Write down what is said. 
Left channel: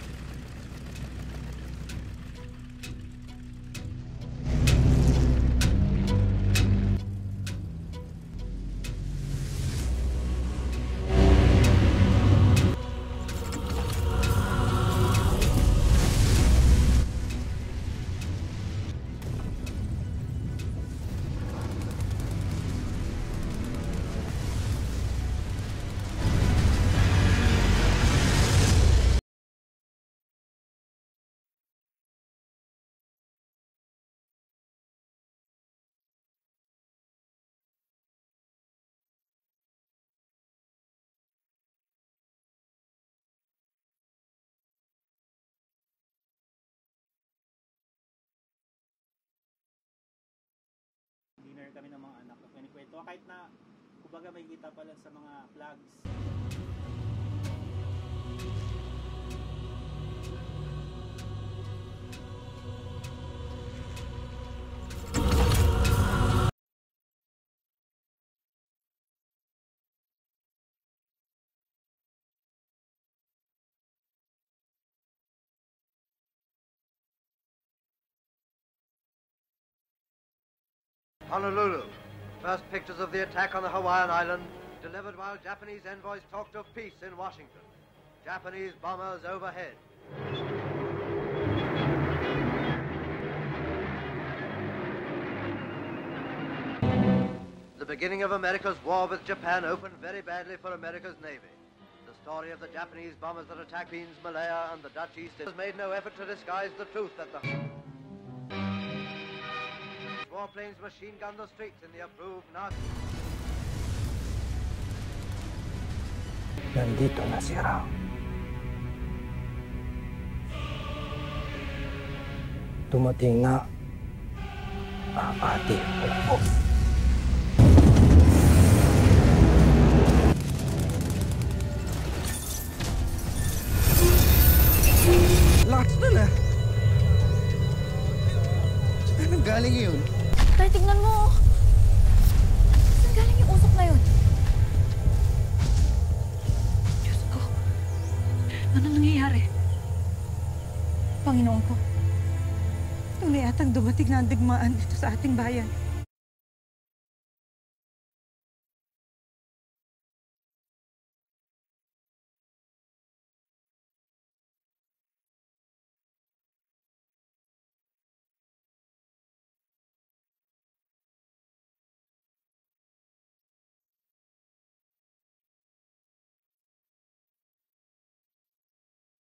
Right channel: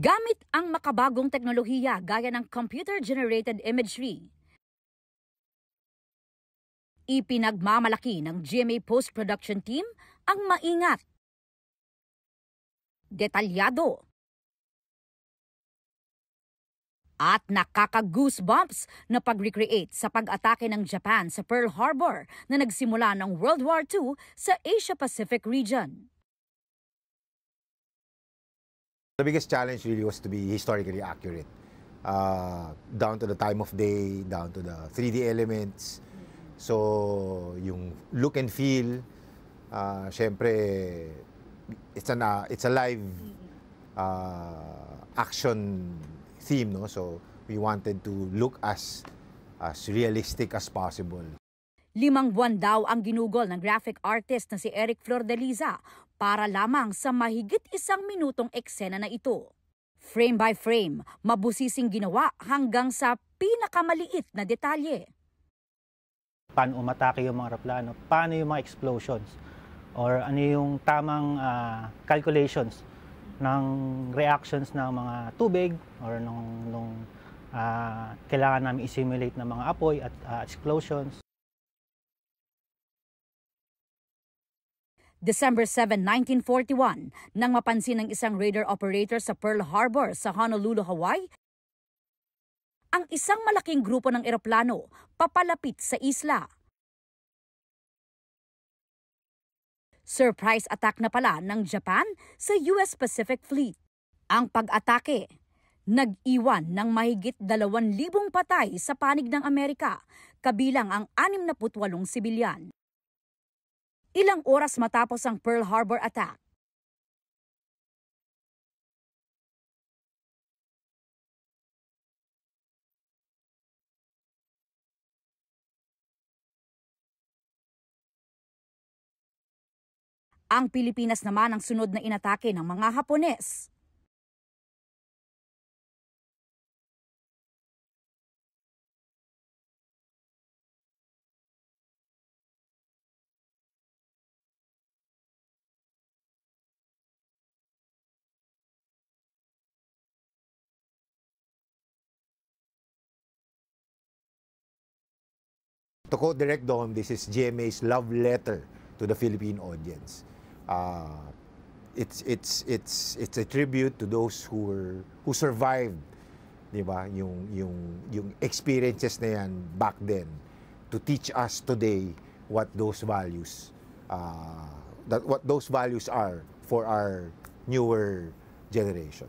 Gamit ang makabagong teknolohiya gaya ng computer-generated imagery, ipinagmamalaki ng GMA Post-Production Team ang maingat, detalyado, at nakaka-goosebumps na pag-recreate sa pag-atake ng Japan sa Pearl Harbor na nagsimula ng World War II sa Asia-Pacific region. The biggest challenge really was to be historically accurate, down to the time of day, down to the 3D elements. So yung look and feel, syempre it's a live action theme, no? So we wanted to look as realistic as possible. 5 buwan daw ang ginugol ng graphic artist na si Eric Flordeliza para lamang sa mahigit 1 minutong eksena na ito. Frame by frame, mabusising ginawa hanggang sa pinakamaliit na detalye. Paano umatake yung mga aeroplano, paano yung mga explosions, or ano yung tamang calculations ng reactions ng mga tubig or nung kailangan namin i-simulate ng mga apoy at explosions. Honolulu. First pictures of the attack on the Hawaiian island. December 7, 1941, nang mapansin ng isang radar operator sa Pearl Harbor sa Honolulu, Hawaii, ang isang malaking grupo ng eroplano papalapit sa isla. The beginning of America's war with Japan opened very Surprise attack na pala ng Japan sa US Pacific Fleet. Ang pag-atake, nag-iwan ng mahigit 2,000 patay sa panig ng Amerika, kabilang ang 68 sibilyan. Ilang oras matapos ang Pearl Harbor attack, nandito na si Rao. Dumating na ang ating upo. ang Pilipinas naman ang sunod na inatake ng mga Hapones. Lakas na. Saan galing yun? Tay, tingnan mo. Saan galing yung usok na yun? Diyos ko. Ano nangyayari? Panginoon ko. Tunay atang dumating na ang digmaan dito sa ating bayan. To quote Direct Dom, this is GMA's love letter to the Philippine audience. It's a tribute to those who survived, di ba? Yung experiences na yan back then to teach us today what those values are for our newer generation.